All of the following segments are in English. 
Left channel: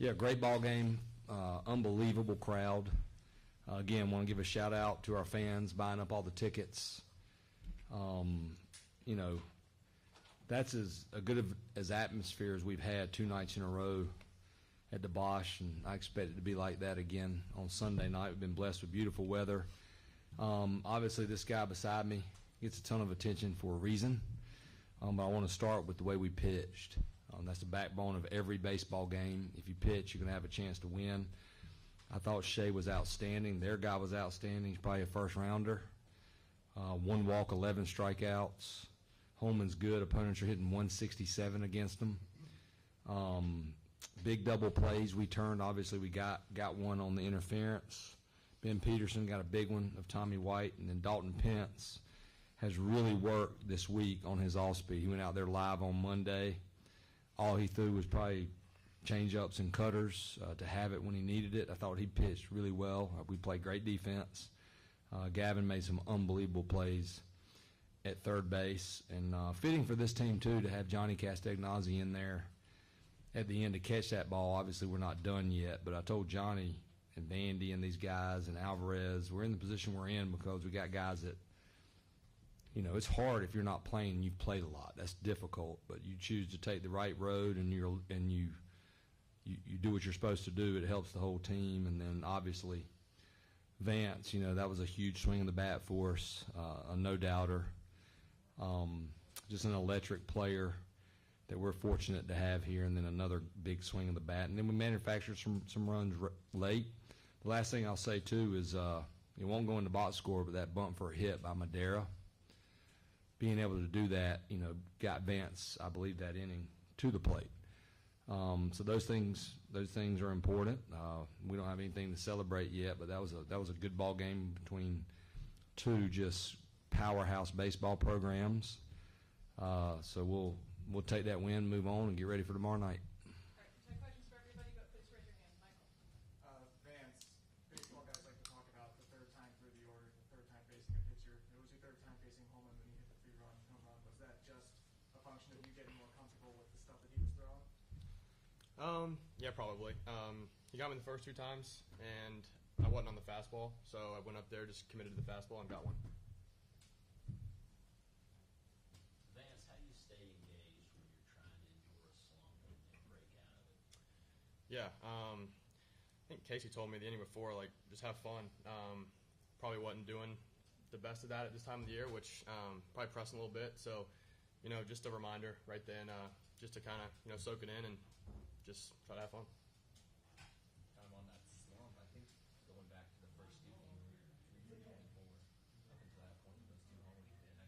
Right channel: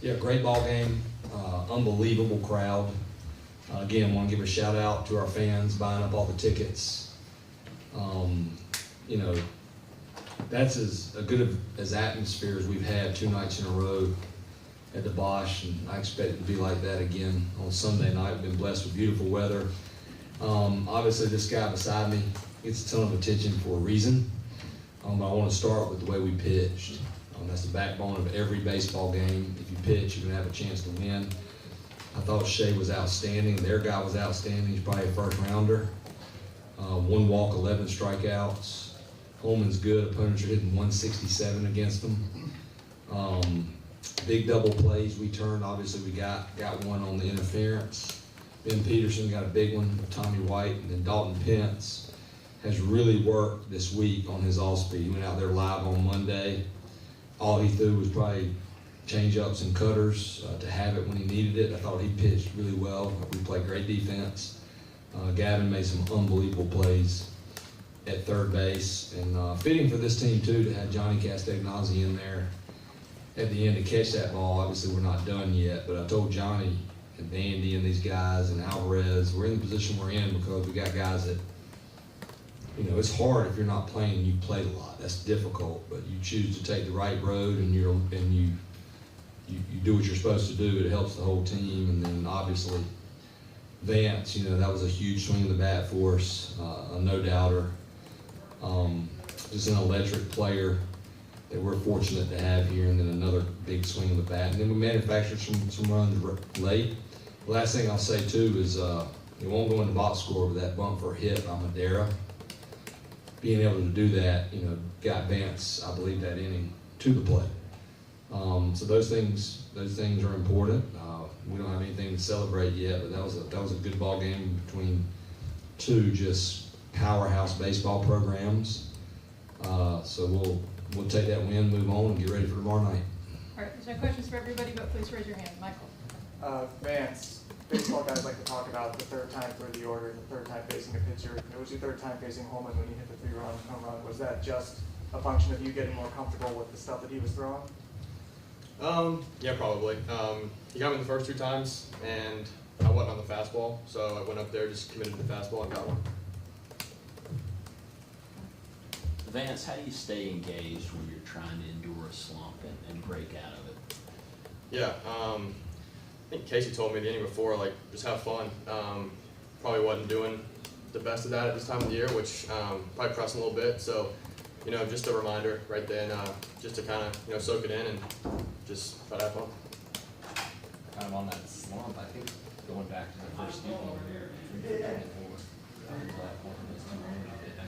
Yeah, great ball game, unbelievable crowd. Again, want to give a shout out to our fans buying up all the tickets. You know, that's as good as atmosphere as we've had 2 nights in a row at the Bosch, and I expect it to be like that again on Sunday night. We've been blessed with beautiful weather. Obviously, this guy beside me gets a ton of attention for a reason. I want to start with the way we pitched. That's the backbone of every baseball game. If you pitch, you're going to have a chance to win. I thought Shea was outstanding. Their guy was outstanding. He's probably a first rounder. 1 walk, 11 strikeouts. Holman's good. Opponents are hitting 167 against them. Big double plays we turned. Obviously, we got one on the interference. Ben Peterson got a big one with Tommy White, and then Dalton Pence has really worked this week on his all-speed. He went out there live on Monday. All he threw was probably change-ups and cutters to have it when he needed it. I thought he pitched really well. We played great defense. Gavin made some unbelievable plays at third base. And fitting for this team, too, to have Johnny Castagnozzi in there at the end to catch that ball. Obviously, we're not done yet, but I told Johnny and Vandy and these guys and Alvarez, we're in the position we're in because we got guys that, you know, it's hard if you're not playing and you played a lot. That's difficult, but you choose to take the right road and you do what you're supposed to do. It helps the whole team. And then obviously Vance, you know, that was a huge swing of the bat for us, a no-doubter. Just an electric player that we're fortunate to have here, and then another big swing of the bat. And then we manufactured some runs late. The last thing I'll say too is it won't go in the box score, but that bump for a hit by Madera, being able to do that, you know, got Vance, I believe, that inning to the plate. So those things are important. We don't have anything to celebrate yet, but that was a good ball game between 2 just powerhouse baseball programs. So we'll take that win, move on, and get ready for tomorrow night. All right, there's no questions for everybody, but please raise your hand. Michael. Vance, baseball guys like to talk about the third time through the order, the third time facing a pitcher. It was your third time facing Holman when you hit the 3-run home run. Was that just a function of you getting more comfortable with the stuff that he was throwing? Yeah, probably. He got me the first 2 times, and I wasn't on the fastball, so I went up there, just committed to the fastball, and got one. Vance, how do you stay engaged when you're trying to endure a slump and break out of it? Yeah, I think Casey told me the inning before, like, just have fun. Probably wasn't doing the best of that at this time of the year, which probably pressed a little bit. So, you know, just a reminder right then, just to kind of, you know, soak it in and just try to have fun. Kind of on that slump, I think going back to the first game here, I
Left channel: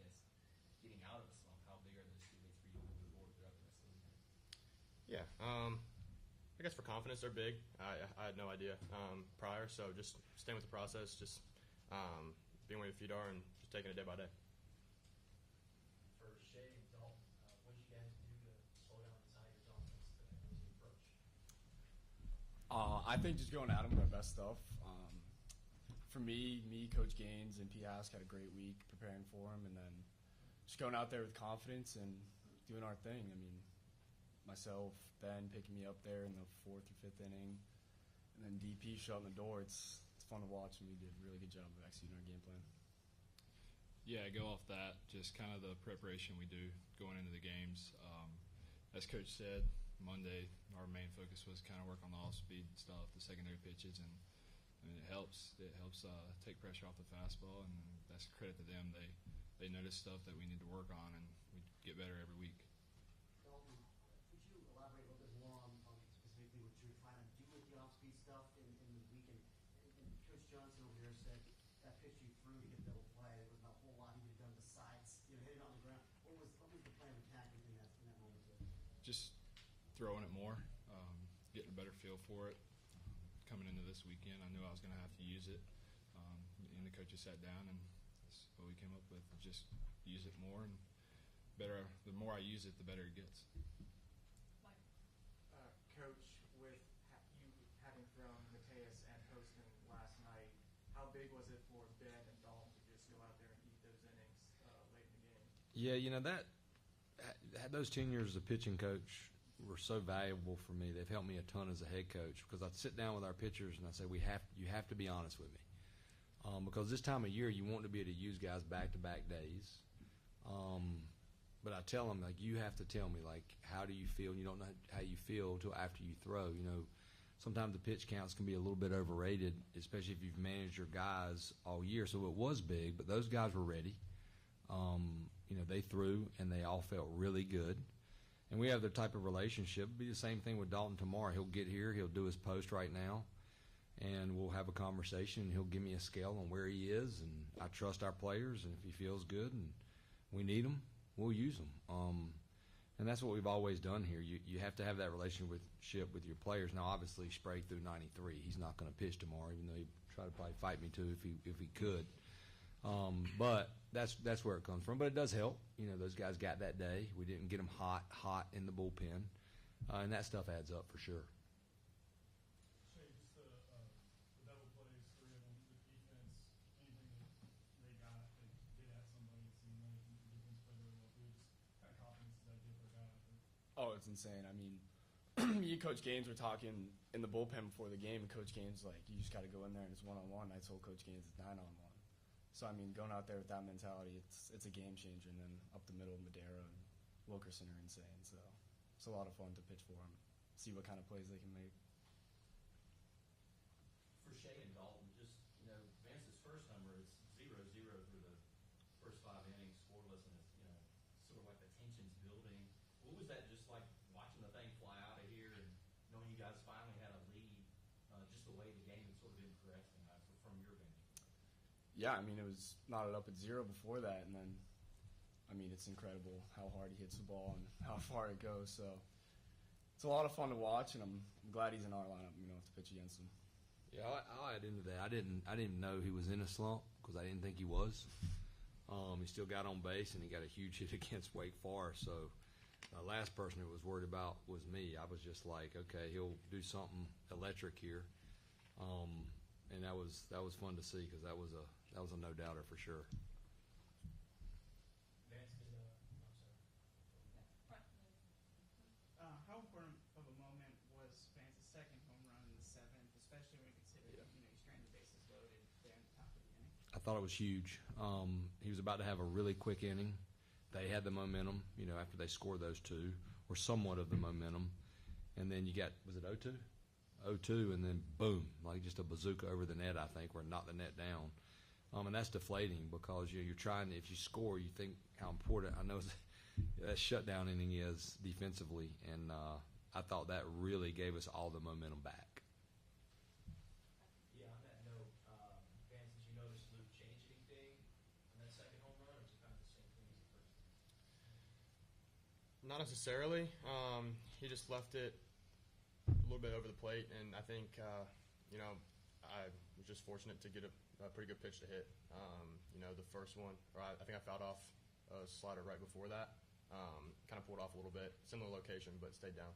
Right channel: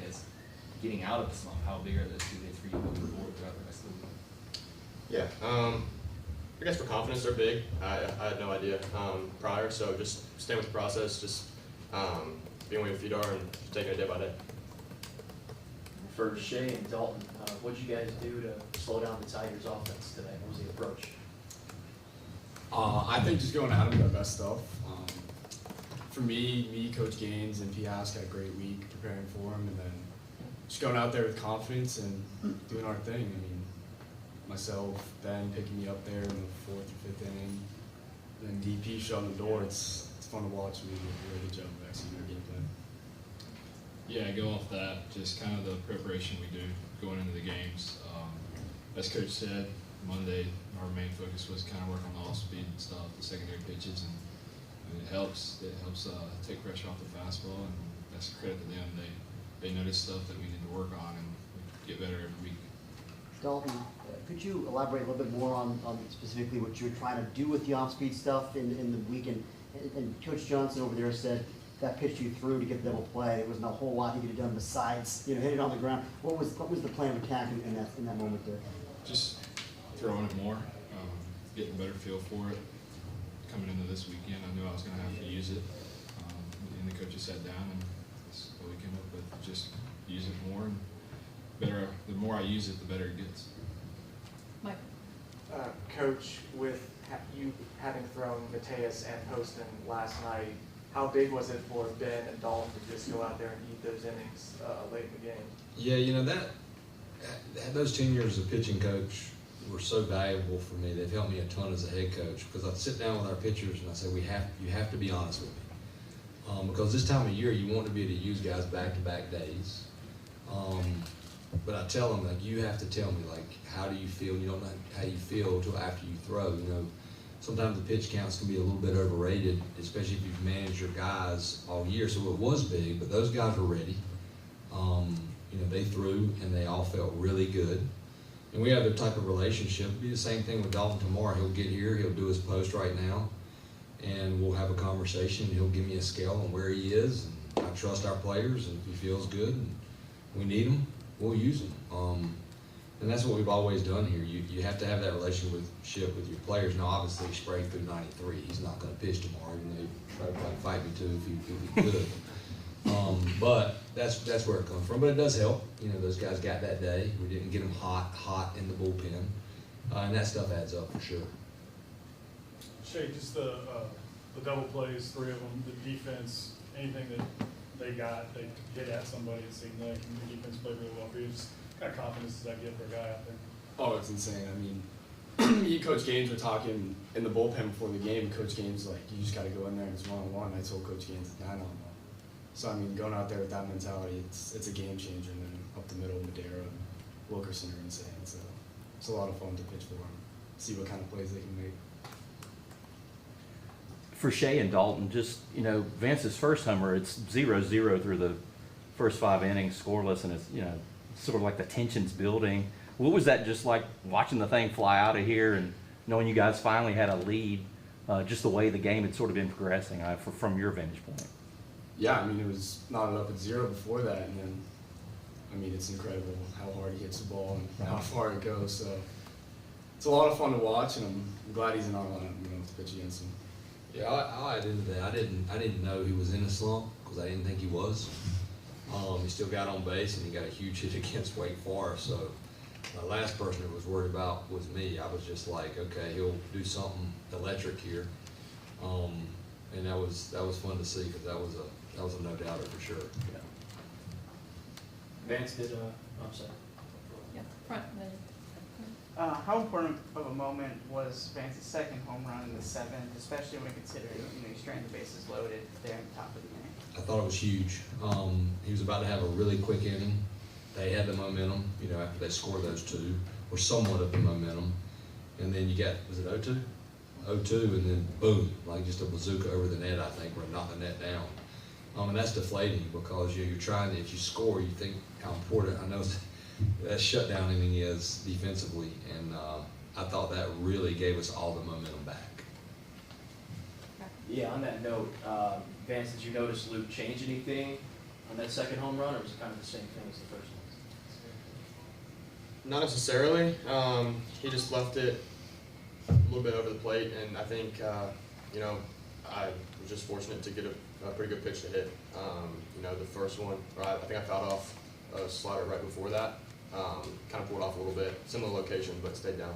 guess getting out of the slump, how big are those 2 days for you moving forward throughout the rest of the week? Yeah, I guess for confidence they're big. I had no idea prior, so just staying with the process, just being where your feet are and just taking it day by day. For Shea and Dalton, what did you guys do to slow down the Tigers' offense today? What was the approach? I think just going out of the best stuff. For me, Coach Gaines, and P. Hask had a great week preparing for him, and then just going out there with confidence and doing our thing. I mean, myself, Ben picking me up there in the 4th or 5th inning, and then DP shutting the door. It's fun to watch. We did a really good job of executing our game plan. Yeah, go off that, just kind of the preparation we do going into the games. As Coach said, Monday our main focus was kind of work on the off-speed and stuff, the secondary pitches, and it helps take pressure off the fastball, and that's a credit to them. They notice stuff that we need to work on, and we get better every week. Dalton, could you elaborate a little bit more on specifically what you're trying to do with the off-speed stuff in the weekend? And Coach Johnson over there said that pitch you threw to get the double play, there wasn't a whole lot he could have done besides, you know, hit it on the ground. What was the plan of attack in that moment there? Just throwing it more, getting a better feel for it. Coming into this weekend, I knew I was going to have to use it. And the coaches sat down, and that's what we came up with. Just use it more, and better. The more I use it, the better it gets. Mike. Coach, with you having thrown Mateus and Poston last night, how big was it for Ben and Dalton to just go out there and eat those innings late in the game? Yeah, you know, those 10 years as a pitching coach, were so valuable for me. They've helped me a ton as a head coach, because I sit down with our pitchers and I say, you have to be honest with me. Because this time of year, you want to be able to use guys back-to-back days. But I tell them, like, you have to tell me, like, how do you feel? You don't know how you feel until after you throw. You know, sometimes the pitch counts can be a little bit overrated, especially if you've managed your guys all year. So it was big, but those guys were ready. You know, they threw and they all felt really good. And we have the type of relationship. It'll be the same thing with Dalton tomorrow. He'll get here, he'll do his post right now, and we'll have a conversation. He'll give me a scale on where he is. And I trust our players, and if he feels good and we need him, we'll use him. And that's what we've always done here. You have to have that relationship with your players. Now, obviously, Sprague threw 93. He's not going to pitch tomorrow, even though he'd probably fight me too if he could. But that's where it comes from. But it does help. You know, those guys got that day. We didn't get them hot in the bullpen. And that stuff adds up for sure. Shay, just the double plays, 3 of them, the defense, anything that they got, they hit at somebody, it seemed like, and the defense played really well for you. Just kind of confidence does that give for a guy out there? Oh, it's insane. I mean, me and Coach Gaines were talking in the bullpen before the game. Coach Gaines like, you just got to go in there and it's one-on-one. I told Coach Gaines it's 9-on-1. So I mean, going out there with that mentality, it's a game changer. And then up the middle, Madera, Wilkerson are insane. So it's a lot of fun to pitch for them, see what kind of plays they can make. For Shay and Dalton, just, you know, Vance's first homer, it's 0-0 through the first 5 innings, scoreless, and it's, you know, sort of like the tension's building. What was that just like, watching the thing fly out of here and knowing you guys finally had a lead, just the way the game had sort of been progressing from your vantage point? Yeah, I mean, it was knotted up at 0 before that, and then, I mean, it's incredible how hard he hits the ball and how far it goes. So it's a lot of fun to watch, and I'm glad he's in our lineup, you know, to pitch against him. Yeah, I'll add into that. I didn't know he was in a slump because I didn't think he was. He still got on base and he got a huge hit against Wake Forest. So the last person that was worried about was me. I was just like, okay, he'll do something electric here, and that was fun to see because that was a no doubter for sure. Yeah. Vance did, I'm sorry. Yeah, front, and then. How important of a moment was Vance's second home run in the 7th, especially when considering, you know, you strand the bases loaded there at the top of the inning? I thought it was huge. He was about to have a really quick inning. They had the momentum, you know, after they scored those 2, or somewhat of the momentum. And then you got, was it 0-2? 0-2, and then boom, like just a bazooka over the net, I think, where it knocked the net down. And that's deflating because you're trying to, if you score, you think how important, I know that shutdown inning is defensively, and I thought that really gave us all the momentum back. Yeah, on that note, Vance, did you notice Luke change anything on that second home run, or was it kind of the same thing as the first one? Not necessarily. He just left it a little bit over the plate, and I think, you know, I was just fortunate to get a pretty good pitch to hit. You know, the first one, I think I fouled off a slider right before that. Kind of pulled off a little bit, similar location, but stayed down.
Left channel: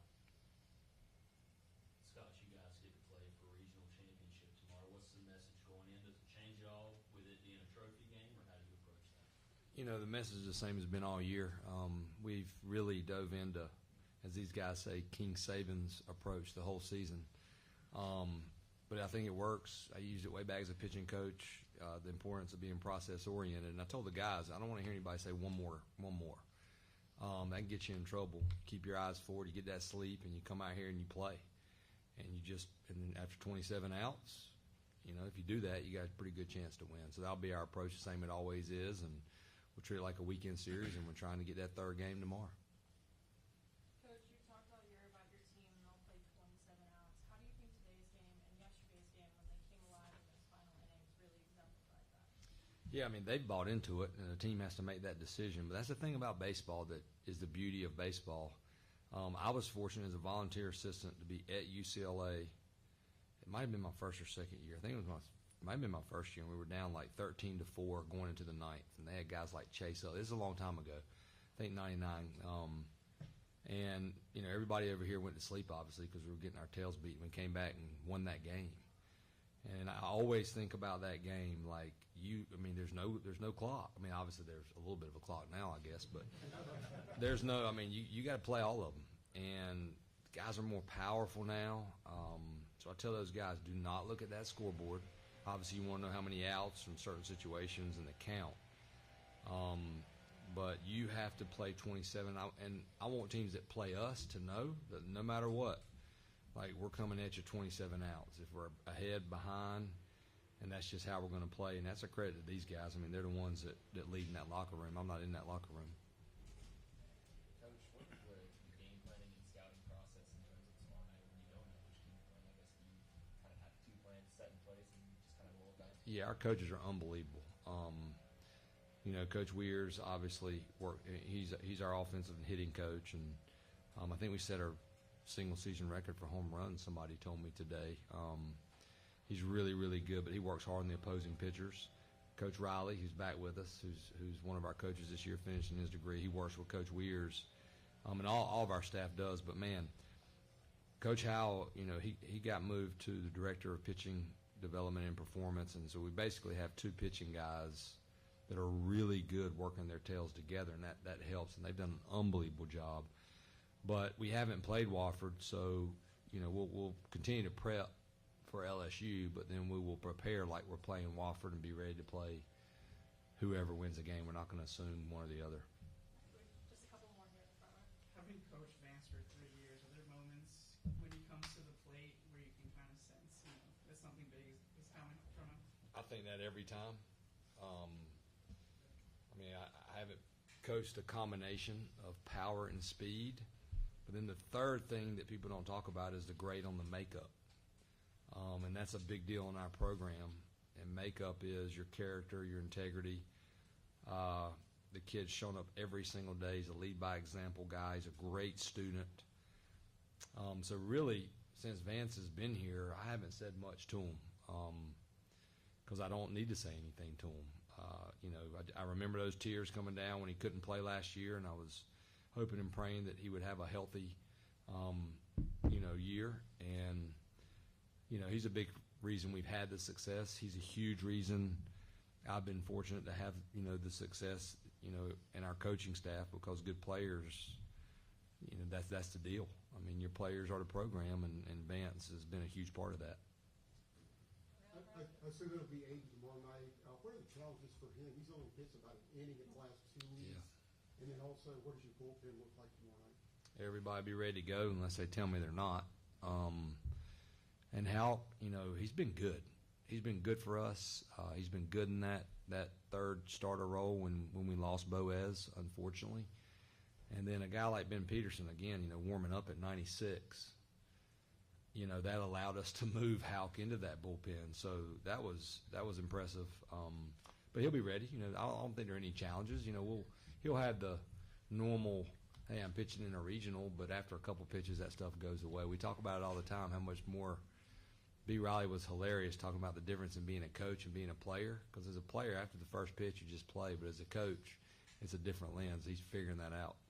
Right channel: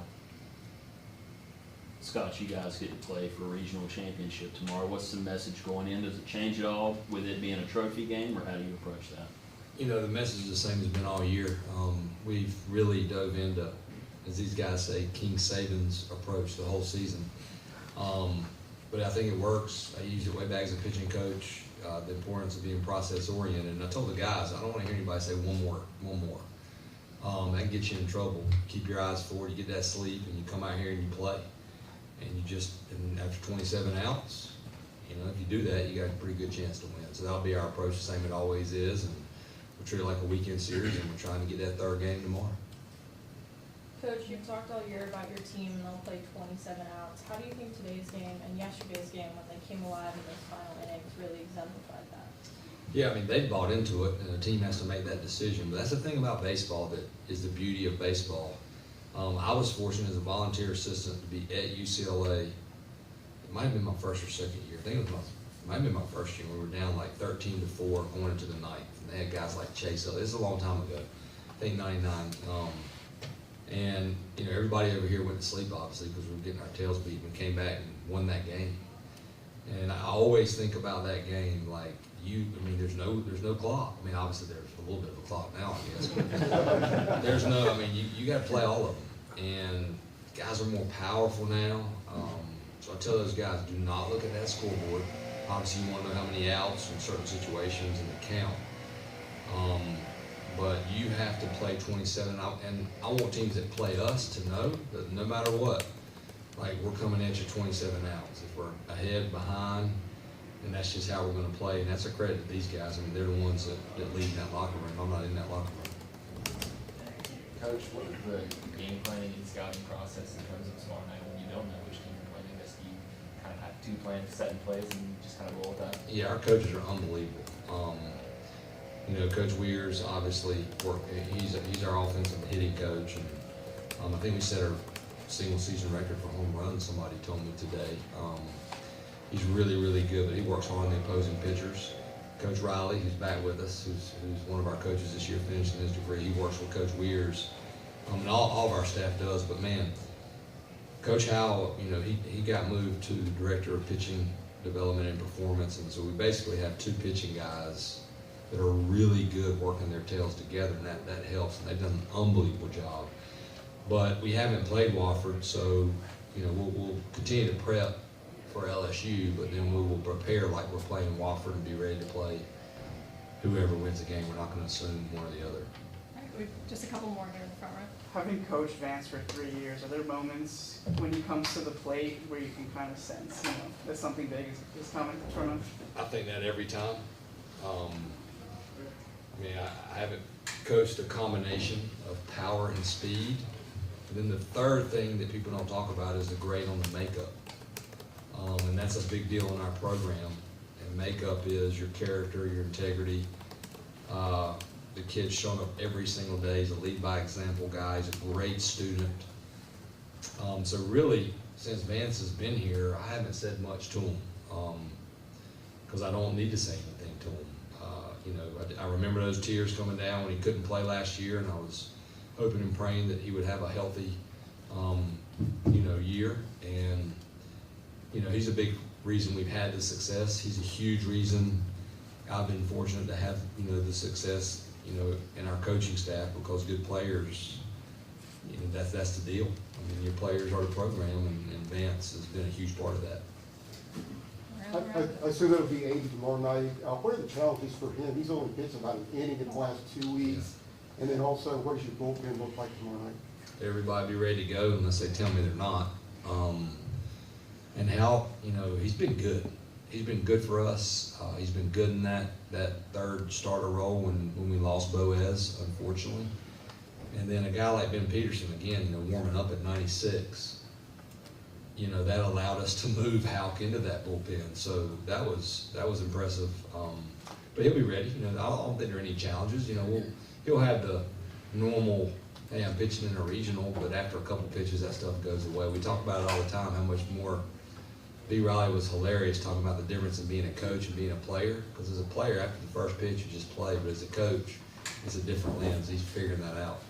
Scott, you guys get to play for a regional championship tomorrow. What's the message going in? Does it change at all with it being a trophy game, or how do you approach that? You know, the message is the same as been all year. We've really dove into, as these guys say, King Saban's approach the whole season. But I think it works. I used it way back as a pitching coach, the importance of being process-oriented. And I told the guys, I don't want to hear anybody say one more. That gets you in trouble. Keep your eyes forward, you get that sleep, and you come out here and you play. And you just, and after 27 outs, you know, if you do that, you got a pretty good chance to win. So that'll be our approach, the same it always is. And we'll treat it like a weekend series, and we're trying to get that 3rd game tomorrow. Coach, you've talked all year about your team and they'll play 27 outs. How do you think today's game and yesterday's game, when they came alive in those final innings, really exemplified that? Yeah, I mean, they bought into it, and the team has to make that decision. But that's the thing about baseball that is the beauty of baseball. I was fortunate as a volunteer assistant to be at UCLA. It might have been my 1st or 2nd year. I think it might have been my 1st year. We were down like 13-4 going into the 9th. And they had guys like Chase. This is a long time ago. I think 99. And, you know, everybody over here went to sleep, obviously, because we were getting our tails beat, and we came back and won that game. And I always think about that game like there's no clock. I mean, obviously there's a little bit of a clock now, I guess. But there's no, I mean, you got to play all of them. And guys are more powerful now. So I tell those guys, do not look at that scoreboard. Obviously, you want to know how many outs in certain situations and the count. But you have to play 27 out, and I want teams that play us to know that no matter what, like we're coming at you 27 outs. If we're ahead, behind, and that's just how we're going to play. And that's a credit to these guys. I mean, they're the ones that lead that locker room. I'm not in that locker room. Coach, what is the game planning and scouting process in terms of tomorrow night when you don't know which team you're playing against? Do you kind of have two plans set in place and just kind of roll with that? Yeah, our coaches are unbelievable. You know, Coach Weir's obviously he's our offensive hitting coach, and I think we set our single season record for home runs. Somebody told me today. He's really, really good, but he works hard on the opposing pitchers. Coach Riley, who's back with us, who's one of our coaches this year, finishing his degree. He works with Coach Weir's, and all of our staff does. But man, Coach Howell, you know, he got moved to the director of pitching development and performance, and so we basically have two pitching guys that are really good working their tails together, and that helps. And they've done an unbelievable job. But we haven't played Wofford, so you know we'll continue to prep for LSU, but then we will prepare like we're playing Wofford and be ready to play whoever wins the game. We're not going to assume one or the other. All right, we've just a couple more here in the front row. Having coached Vance for 3 years, are there moments when he comes to the plate where you can kind of sense, you know, that something big is coming from him? I think that every time. I mean, I haven't coached a combination of power and speed. But then the third thing that people don't talk about is the grade on the makeup. And that's a big deal in our program. And makeup is your character, your integrity. The kid's showing up every single day. He's a lead by example guy. He's a great student. So really, since Vance has been here, I haven't said much to him because I don't need to say anything to him. You know, I remember those tears coming down when he couldn't play last year, and I was hoping and praying that he would have a healthy, you know, year. And you know, he's a big reason we've had the success. He's a huge reason I've been fortunate to have, you know, the success, you know, in our coaching staff, because good players, you know, that's the deal. I mean, your players are the program, and Vance has been a huge part of that. I assume it'll be 80 tomorrow night. What are the challenges for him? He's only pitched about an inning in the last 2 weeks. And then also, what does your bullpen look like tomorrow night? Everybody be ready to go unless they tell me they're not. And Hal, you know, he's been good. He's been good for us. He's been good in that third starter role when we lost Boaz, unfortunately. And then a guy like Ben Peterson, again, you know, warming up at 96. You know, that allowed us to move Houck into that bullpen. So that was impressive. But he'll be ready. You know, I don't think there are any challenges. You know, he'll have the normal, hey, I'm pitching in a regional, but after a couple pitches, that stuff goes away. We talk about it all the time, how much more B. Riley was hilarious talking about the difference in being a coach and being a player. Because as a player, after the first pitch, you just play. But as a coach, it's a different lens. He's figuring that out.